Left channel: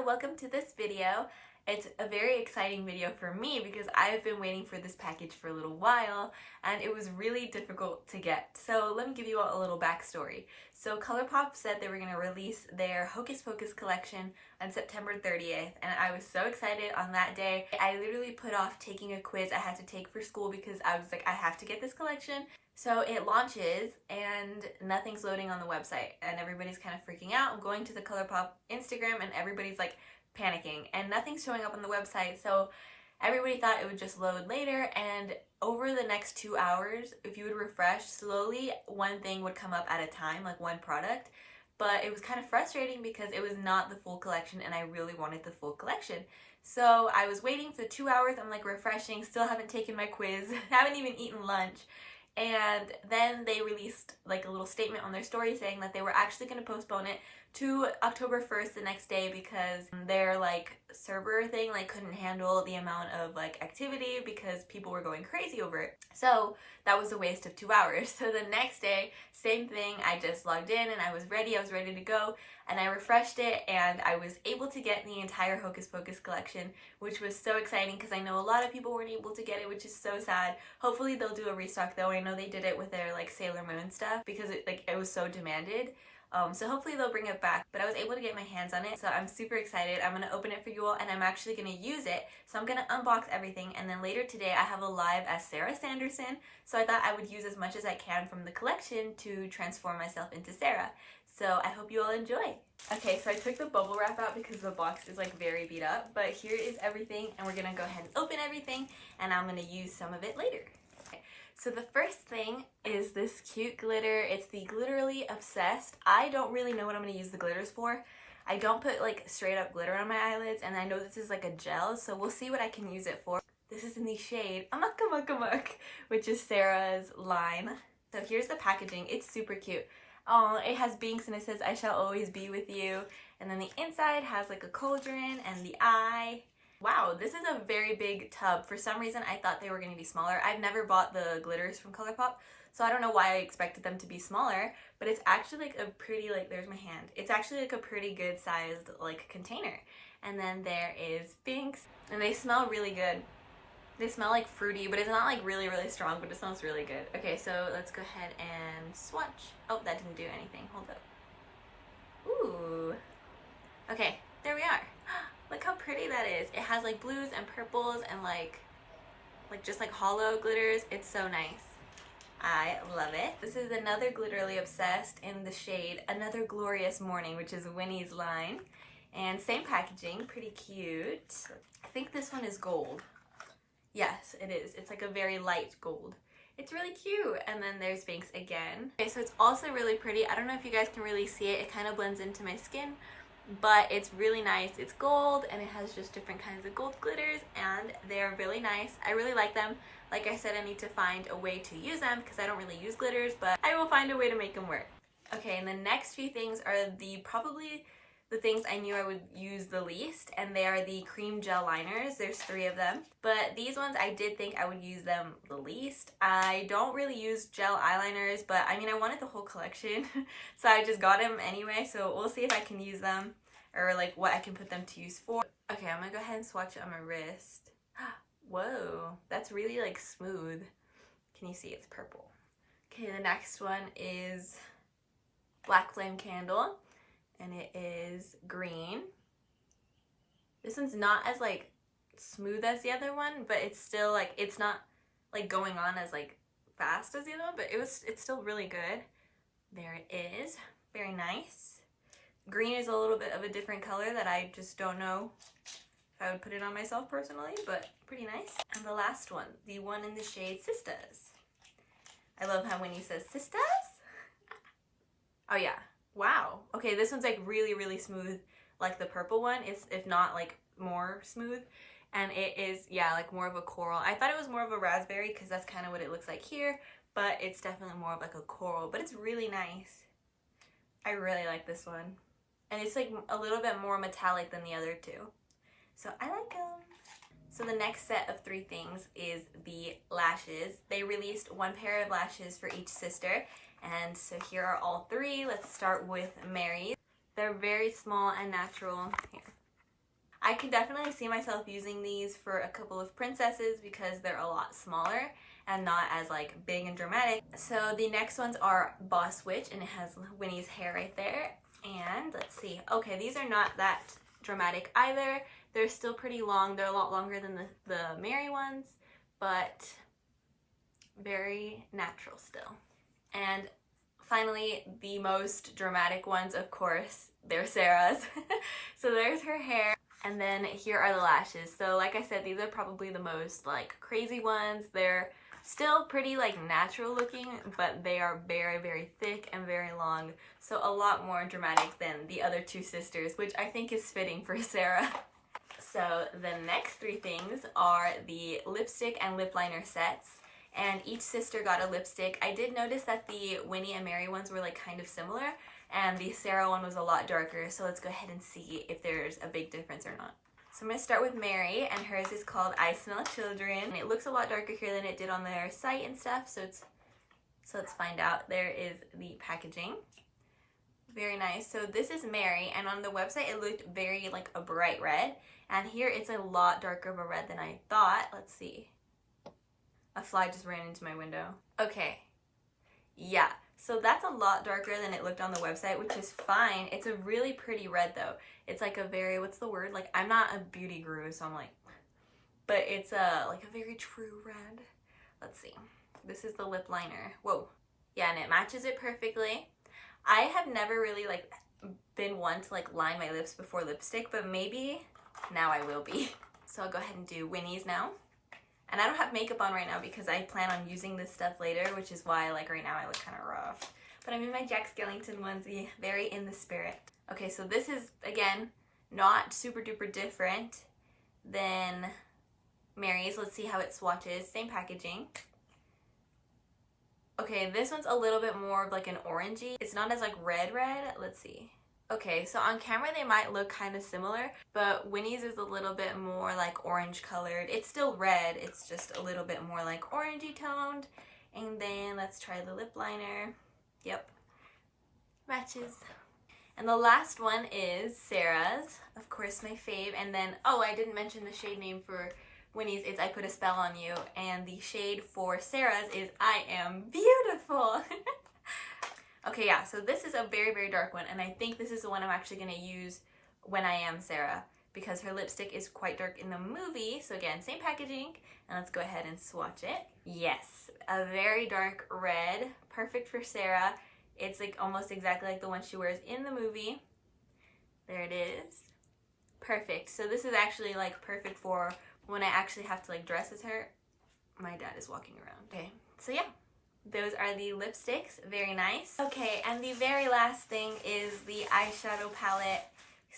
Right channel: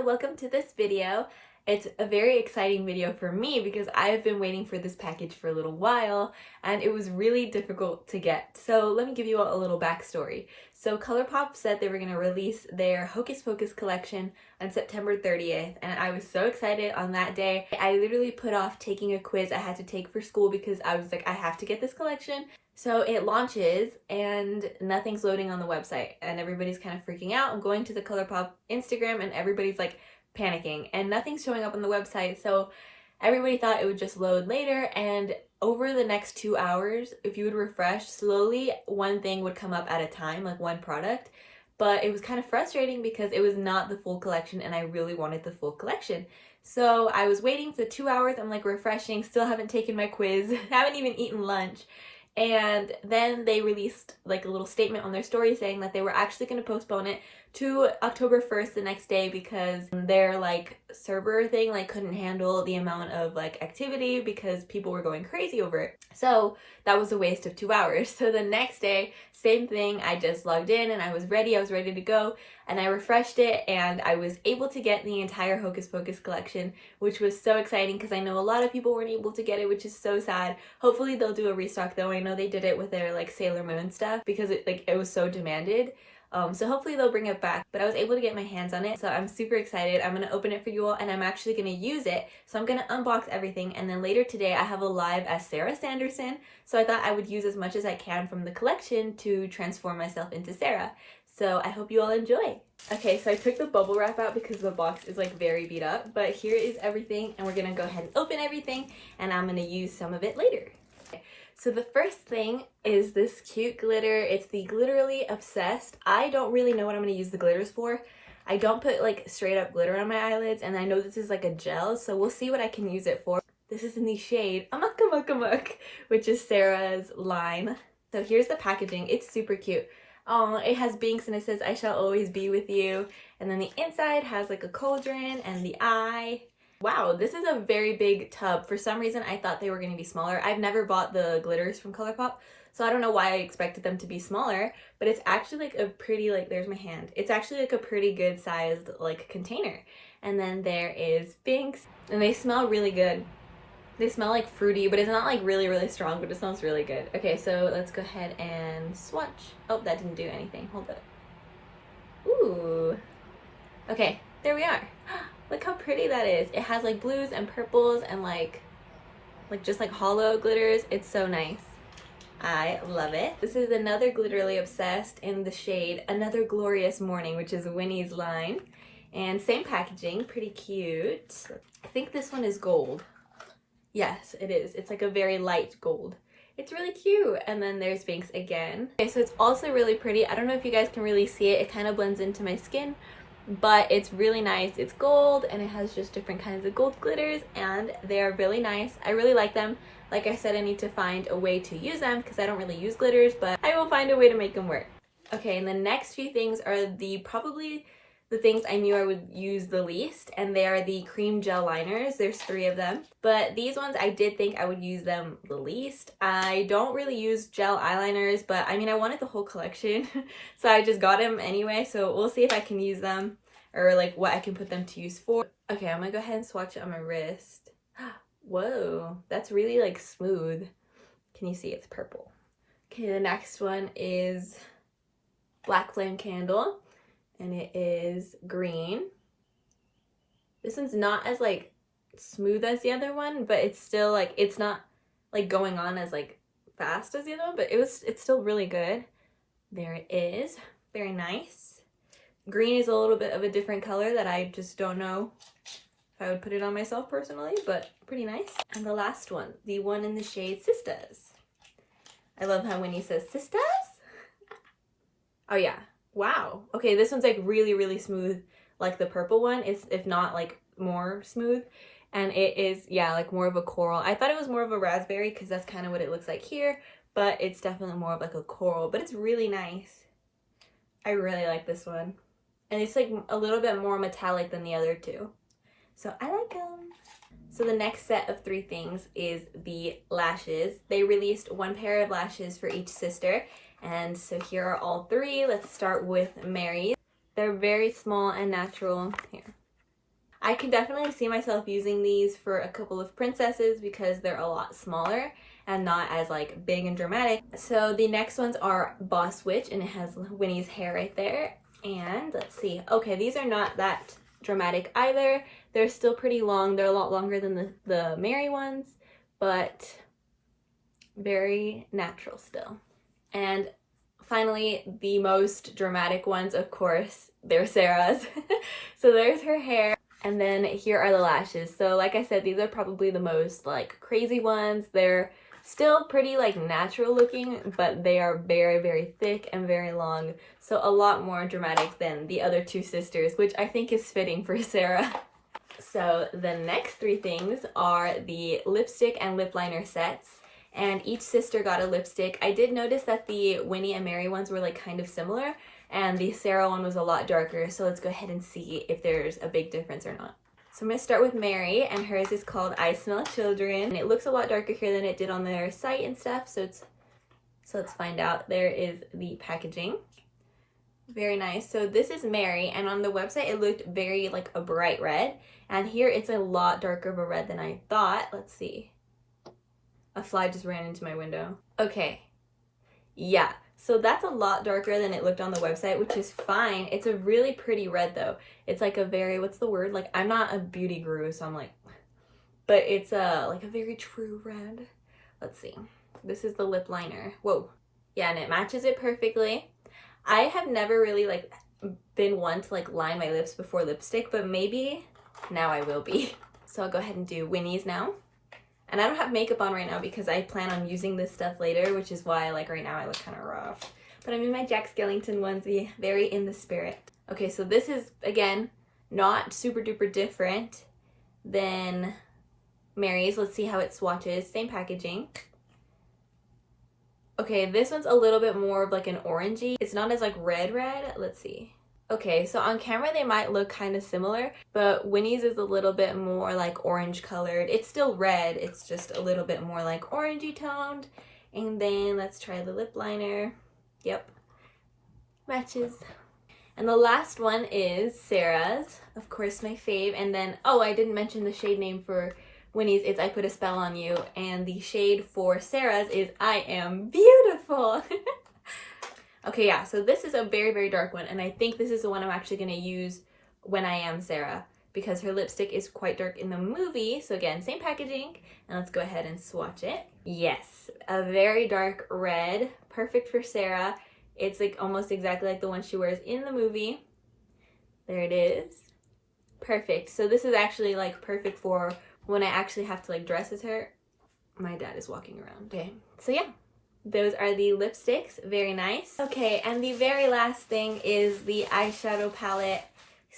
so welcome to this video. It's a very exciting video for me because I've been waiting for this package for a little while and it was really difficult to get. So let me give you a little backstory. So Colourpop said they were going to release their Hocus Pocus collection on September 30th and I was so excited on that day. I literally put off taking a quiz I had to take for school because I was like, I have to get this collection. So it launches and nothing's loading on the website and everybody's kind of freaking out. I'm going to the Colourpop Instagram and everybody's like panicking and nothing's showing up on the website. So everybody thought it would just load later, and over the next 2 hours, if you would refresh slowly, one thing would come up at a time, like one product. But it was kind of frustrating because it was not the full collection and I really wanted the full collection. So I was waiting for 2 hours. I'm like refreshing, still haven't taken my quiz, haven't even eaten lunch. And then they released like a little statement on their story saying that they were actually going to postpone it to October 1st, the next day, because their like server thing like couldn't handle the amount of like activity because people were going crazy over it. So that was a waste of 2 hours. So the next day, same thing, I just logged in and I was ready to go, and I refreshed it and I was able to get the entire Hocus Pocus collection, which was so exciting because I know a lot of people weren't able to get it, which is so sad. Hopefully they'll do a restock though. I know they did it with their like Sailor Moon stuff because it was so demanded. So hopefully they'll bring it back, but I was able to get my hands on it, so I'm super excited. I'm going to open it for you all and I'm actually going to use it. So I'm going to unbox everything, and then later today I have a live as Sarah Sanderson, so I thought I would use as much as I can from the collection to transform myself into Sarah. So I hope you all enjoy. Okay, so I took the bubble wrap out because the box is like very beat up, but here is everything and we're going to go ahead and open everything and I'm going to use some of it later. So the first thing is this cute glitter. It's the Glitterly Obsessed. I don't really know what I'm going to use the glitters for. I don't put like straight up glitter on my eyelids, and I know this is like a gel, so we'll see what I can use it for. This is in the shade Amok Amok Amok, which is Sarah's line. So here's the packaging. It's super cute. Oh, it has binks and it says I shall always be with you. And then the inside has like a cauldron and the eye. Wow, this is a very big tub. For some reason, I thought they were going to be smaller. I've never bought the glitters from Colourpop, so I don't know why I expected them to be smaller, but it's actually like a pretty, like, there's my hand. It's actually like a pretty good sized like container. And then there is Binks, and they smell really good. They smell like fruity, but it's not like really strong, but it smells really good. Okay, so let's go ahead and swatch. Oh, that didn't do anything. Hold up. Ooh. Okay, there we are. Look how pretty that is. It has like blues and purples and like just like hollow glitters. It's so nice. I love it. This is another Glitterly Obsessed in the shade Another Glorious Morning, which is Winnie's line. And same packaging, pretty cute. I think this one is gold. Yes, it is. It's like a very light gold. It's really cute. And then there's Binks again. Okay, so it's also really pretty. I don't know if you guys can really see it. It kind of blends into my skin, but it's really nice. It's gold and it has just different kinds of gold glitters and they are really nice. I really like them. Like I said, I need to find a way to use them because I don't really use glitters, but I will find a way to make them work. Okay, and the next few things are probably the things I knew I would use the least, and they are the cream gel liners. There's 3 of them, but these ones I did think I would use them the least. I don't really use gel eyeliners, but I mean I wanted the whole collection so I just got them anyway, so we'll see if I can use them or like what I can put them to use for. Okay, I'm gonna go ahead and swatch it on my wrist. Whoa, that's really like smooth. Can you see it's purple? Okay, the next one is Black Flame Candle, and it is green. This one's not as like smooth as the other one, but it's still like, it's not like going on as like fast as the other one, but it's still really good. There it is, very nice. Green is a little bit of a different color that I just don't know if I would put it on myself personally, but pretty nice. And the last one, the one in the shade Sisters. I love how Winnie says Sisters. Oh yeah. Wow. Okay, this one's like really smooth, like the purple one. It's, if not like more smooth, and it is, yeah, like more of a coral. I thought it was more of a raspberry because that's kind of what it looks like here, but it's definitely more of like a coral, but it's really nice. I really like this one, and it's like a little bit more metallic than the other 2, so I like them. So the next set of 3 things is the lashes. They released 1 pair of lashes for each sister. And so here are all 3. Let's start with Mary's. They're very small and natural. Here. I can definitely see myself using these for a couple of princesses because they're a lot smaller and not as like big and dramatic. So the next ones are Boss Witch, and it has Winnie's hair right there. And let's see. Okay, these are not that dramatic either. They're still pretty long. They're a lot longer than the Mary ones, but very natural still. And finally, the most dramatic ones, of course, they're Sarah's. So there's her hair, and then here are the lashes. So like I said, these are probably the most like crazy ones. They're still pretty like natural looking, but they are very, very thick and very long. So a lot more dramatic than the other two sisters, which I think is fitting for Sarah. So the next three things are the lipstick and lip liner sets. And each sister got a lipstick. I did notice that the Winnie and Mary ones were like kind of similar, and the Sarah one was a lot darker. So let's go ahead and see if there's a big difference or not. So I'm going to start with Mary, and hers is called I Smell Children. And it looks a lot darker here than it did on their site and stuff. So let's find out. There is the packaging. Very nice. So this is Mary, and on the website it looked very like a bright red, and here it's a lot darker of a red than I thought. Let's see. A fly just ran into my window. Okay. Yeah. So that's a lot darker than it looked on the website, which is fine. It's a really pretty red though. It's like a very, what's the word? Like, I'm not a beauty guru, so I'm like, but it's like a very true red. Let's see. This is the lip liner. Whoa. Yeah, and it matches it perfectly. I have never really like been one to like line my lips before lipstick, but maybe now I will be. So I'll go ahead and do Winnie's now. And I don't have makeup on right now because I plan on using this stuff later, which is why like right now I look kind of rough. But I'm in my Jack Skellington onesie, very in the spirit. Okay, so this is, again, not super duper different than Mary's. Let's see how it swatches. Same packaging. Okay, this one's a little bit more of like an orangey. It's not as like red. Let's see. Okay, so on camera they might look kind of similar, but Winnie's is a little bit more like orange colored. It's still red, it's just a little bit more like orangey toned. And then let's try the lip liner. Yep, matches. And the last one is Sarah's, of course my fave. And then, oh, I didn't mention the shade name for Winnie's. It's I Put a Spell on You. And the shade for Sarah's is I Am Beautiful. Okay, yeah, so this is a very, very dark one, and I think this is the one I'm actually going to use when I am Sarah, because her lipstick is quite dark in the movie. So again, same packaging, and let's go ahead and swatch it. Yes, a very dark red, perfect for Sarah. It's like almost exactly like the one she wears in the movie. There it is. Perfect. So this is actually like perfect for when I actually have to like dress as her. My dad is walking around. Okay, so yeah. Those are the lipsticks. Very nice. Okay, and the very last thing is the eyeshadow palette.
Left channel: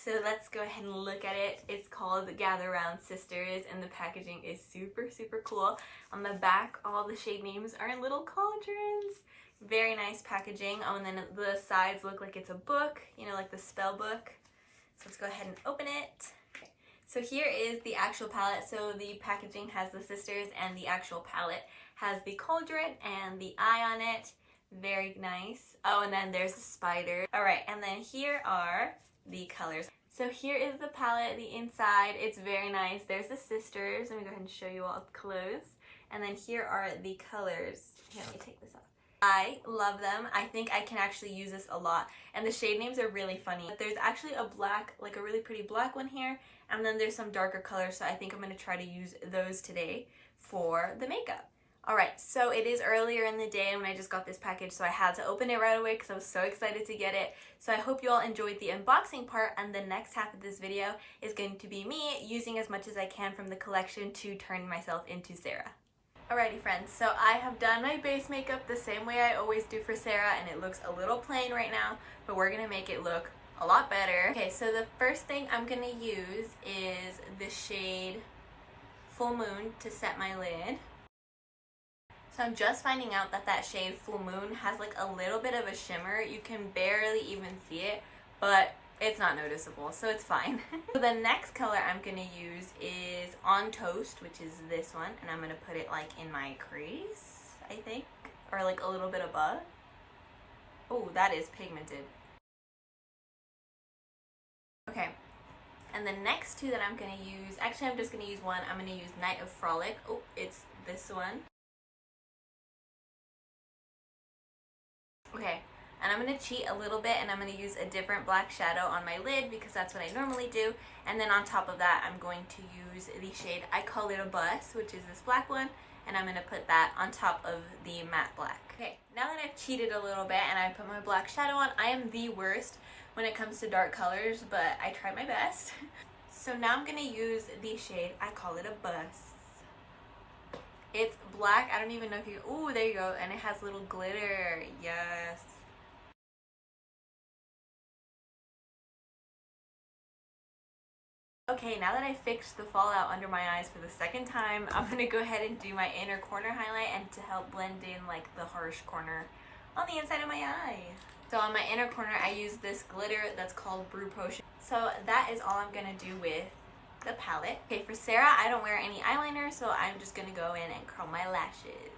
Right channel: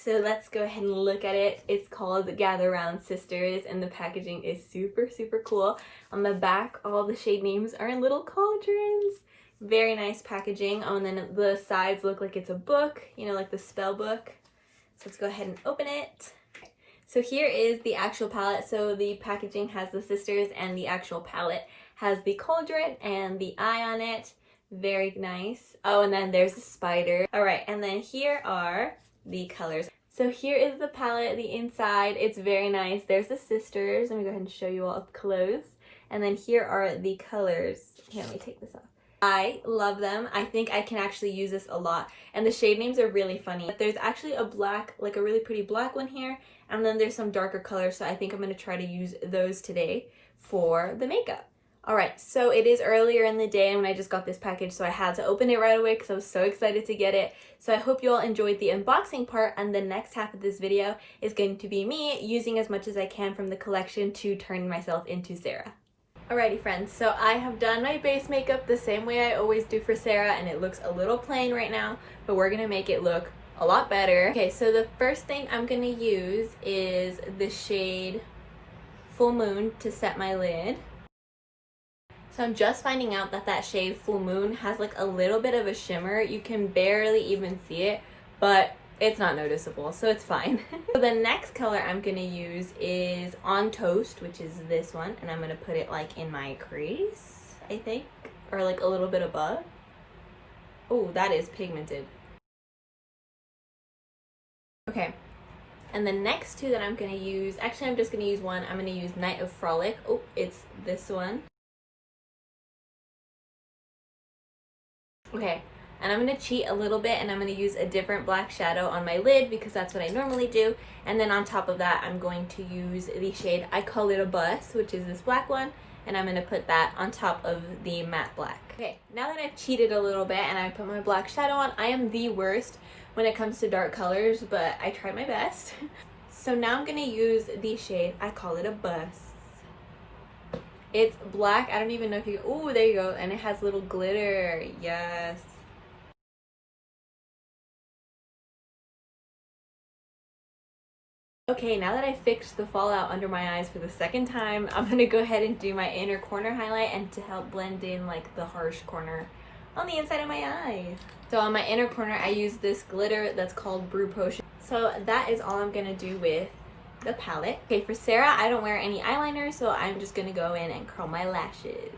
So let's go ahead and look at it. It's called Gather Round Sisters, and the packaging is super, super cool. On the back, all the shade names are in little cauldrons. Very nice packaging. Oh, and then the sides look like it's a book, you know, like the spell book. So let's go ahead and open it. So here is the actual palette. So the packaging has the sisters, and the actual palette has the cauldron and the eye on it. Very nice. Oh, and then there's a spider. All right, and then here are the colors. So here is the palette, the inside. It's very nice. There's the sisters. Let me go ahead and show you all up close. And then here are the colors. Here, let me take this off. I love them. I think I can actually use this a lot. And the shade names are really funny. There's actually a black, like a really pretty black one here. And then there's some darker colors. So I think I'm going to try to use those today for the makeup. Alright, so it is earlier in the day when I just got this package, so I had to open it right away because I was so excited to get it. So I hope you all enjoyed the unboxing part, and the next half of this video is going to be me using as much as I can from the collection to turn myself into Sarah. Alrighty friends, so I have done my base makeup the same way I always do for Sarah, and it looks a little plain right now, but we're going to make it look a lot better. Okay, so the first thing I'm going to use is the shade Full Moon to set my lid. So I'm just finding out that that shade Full Moon has like a little bit of a shimmer. You can barely even see it, but it's not noticeable, so it's fine. So the next color I'm going to use is On Toast, which is this one, and I'm going to put it like in my crease, I think, or like a little bit above. Oh, that is pigmented. Okay, And the next two that I'm going to use, actually I'm just going to use one. I'm going to use Night of Frolic. Oh, it's this one. Okay, and I'm going to cheat a little bit and I'm going to use a different black shadow on my lid because that's what I normally do. And then on top of that, I'm going to use the shade I Call It a Bus, which is this black one. And I'm going to put that on top of the matte black. Okay, now that I've cheated a little bit and I put my black shadow on, I am the worst when it comes to dark colors, but I try my best. So now I'm going to use the shade I Call It a Bus. It's black. I don't even know if you... Oh, there you go. And it has little glitter. Yes. Okay, now that I fixed the fallout under my eyes for the second time, I'm going to go ahead and do my inner corner highlight and to help blend in like the harsh corner on the inside of my eye. So on my inner corner, I use this glitter that's called Brew Potion. So that is all I'm going to do with the palette. Okay, for Sarah, I don't wear any eyeliner, so I'm just going to go in and curl my lashes.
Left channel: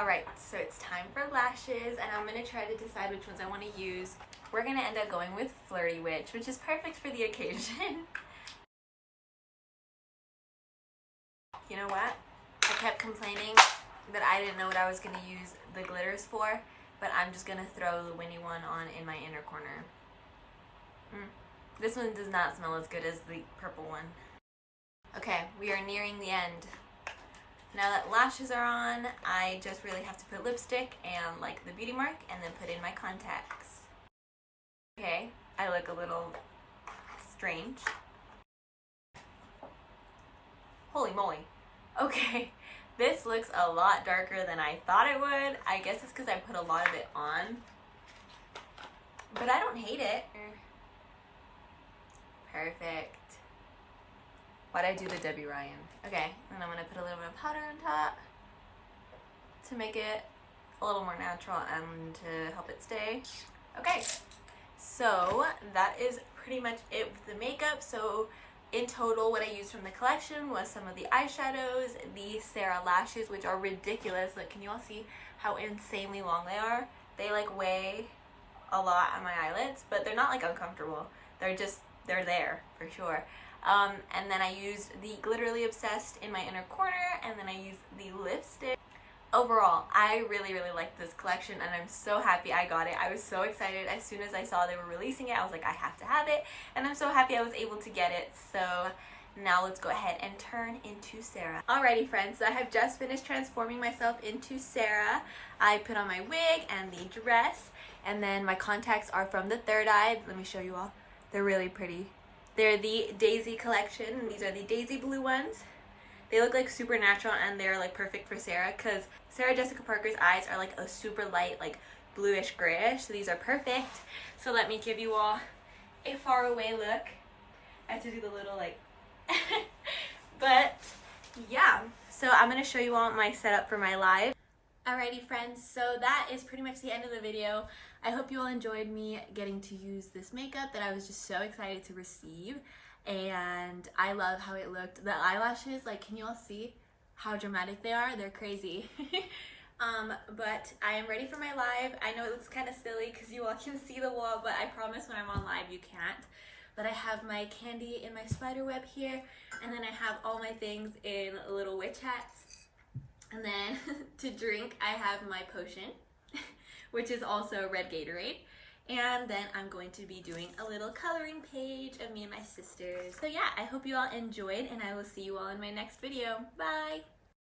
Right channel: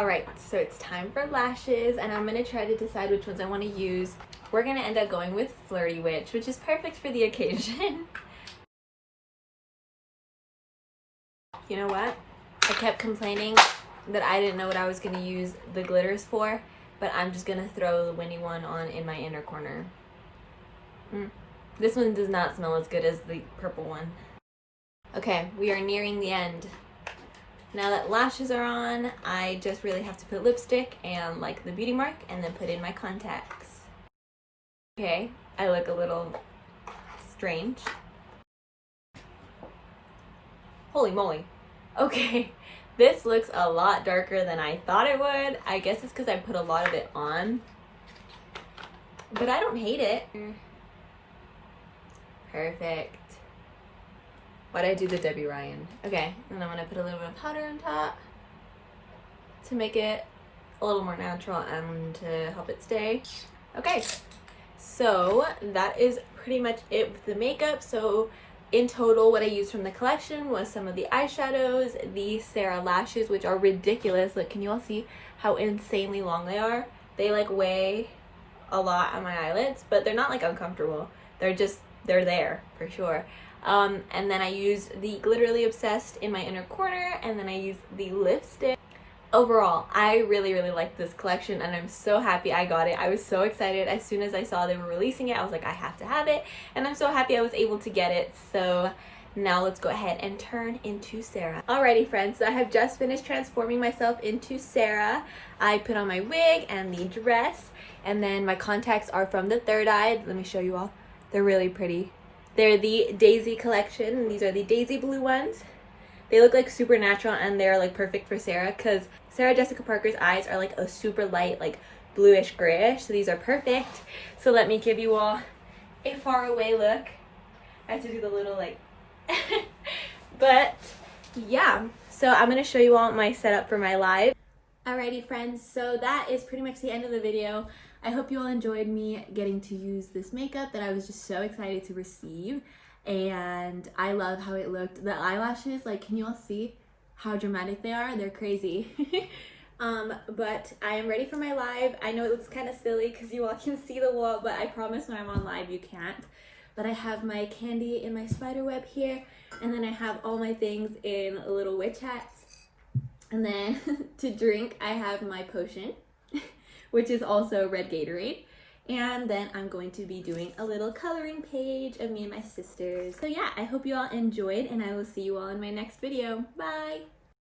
Alright, so it's time for lashes, and I'm going to try to decide which ones I want to use. We're going to end up going with Flirty Witch, which is perfect for the occasion. You know what? I kept complaining that I didn't know what I was going to use the glitters for, but I'm just going to throw the Winnie one on in my inner corner. This one does not smell as good as the purple one. Okay, we are nearing the end. Now that lashes are on, I just really have to put lipstick and like the beauty mark and then put in my contacts. Okay, I look a little strange. Holy moly. Okay, this looks a lot darker than I thought it would. I guess it's because I put a lot of it on. But I don't hate it. Perfect. Why'd I do the Debbie Ryan? Okay, and I'm gonna put a little bit of powder on top to make it a little more natural and to help it stay. Okay, so that is pretty much it with the makeup. So in total, what I used from the collection was some of the eyeshadows, the Sarah lashes, which are ridiculous. Look, can you all see how insanely long they are? They like weigh a lot on my eyelids, but they're not like uncomfortable. They're there for sure. And then I used the Glitterly Obsessed in my inner corner, and then I used the lipstick. Overall, I really liked this collection, and I'm so happy I got it. I was so excited as soon as I saw they were releasing it. I was like, I have to have it, and I'm so happy I was able to get it. So now let's go ahead and turn into Sarah. Alrighty friends, so I have just finished transforming myself into Sarah. I put on my wig and the dress, and then my contacts are from the Third Eye. Let me show you all. They're really pretty. They're the Daisy collection, and these are the Daisy blue ones. They look like super natural, and they're like perfect for Sarah because Sarah Jessica Parker's eyes are like a super light, like bluish grayish, so these are perfect. So let me give you all a far away look. I have to do the little like but yeah, so I'm gonna show you all my setup for my live. Alrighty friends, so that is pretty much the end of the video. I hope you all enjoyed me getting to use this makeup that I was just so excited to receive, and I love how it looked. The eyelashes, like, can you all see how dramatic they are? They're crazy. But I am ready for my live. I know it looks kind of silly because you all can see the wall, but I promise when I'm on live you can't. But I have my candy in my spider web here, and then I have all my things in little witch hats. And then to drink, I have my potion, which is also red Gatorade. And then I'm going to be doing a little coloring page of me and my sisters. So yeah, I hope you all enjoyed, and I will see you all in my next video. Bye!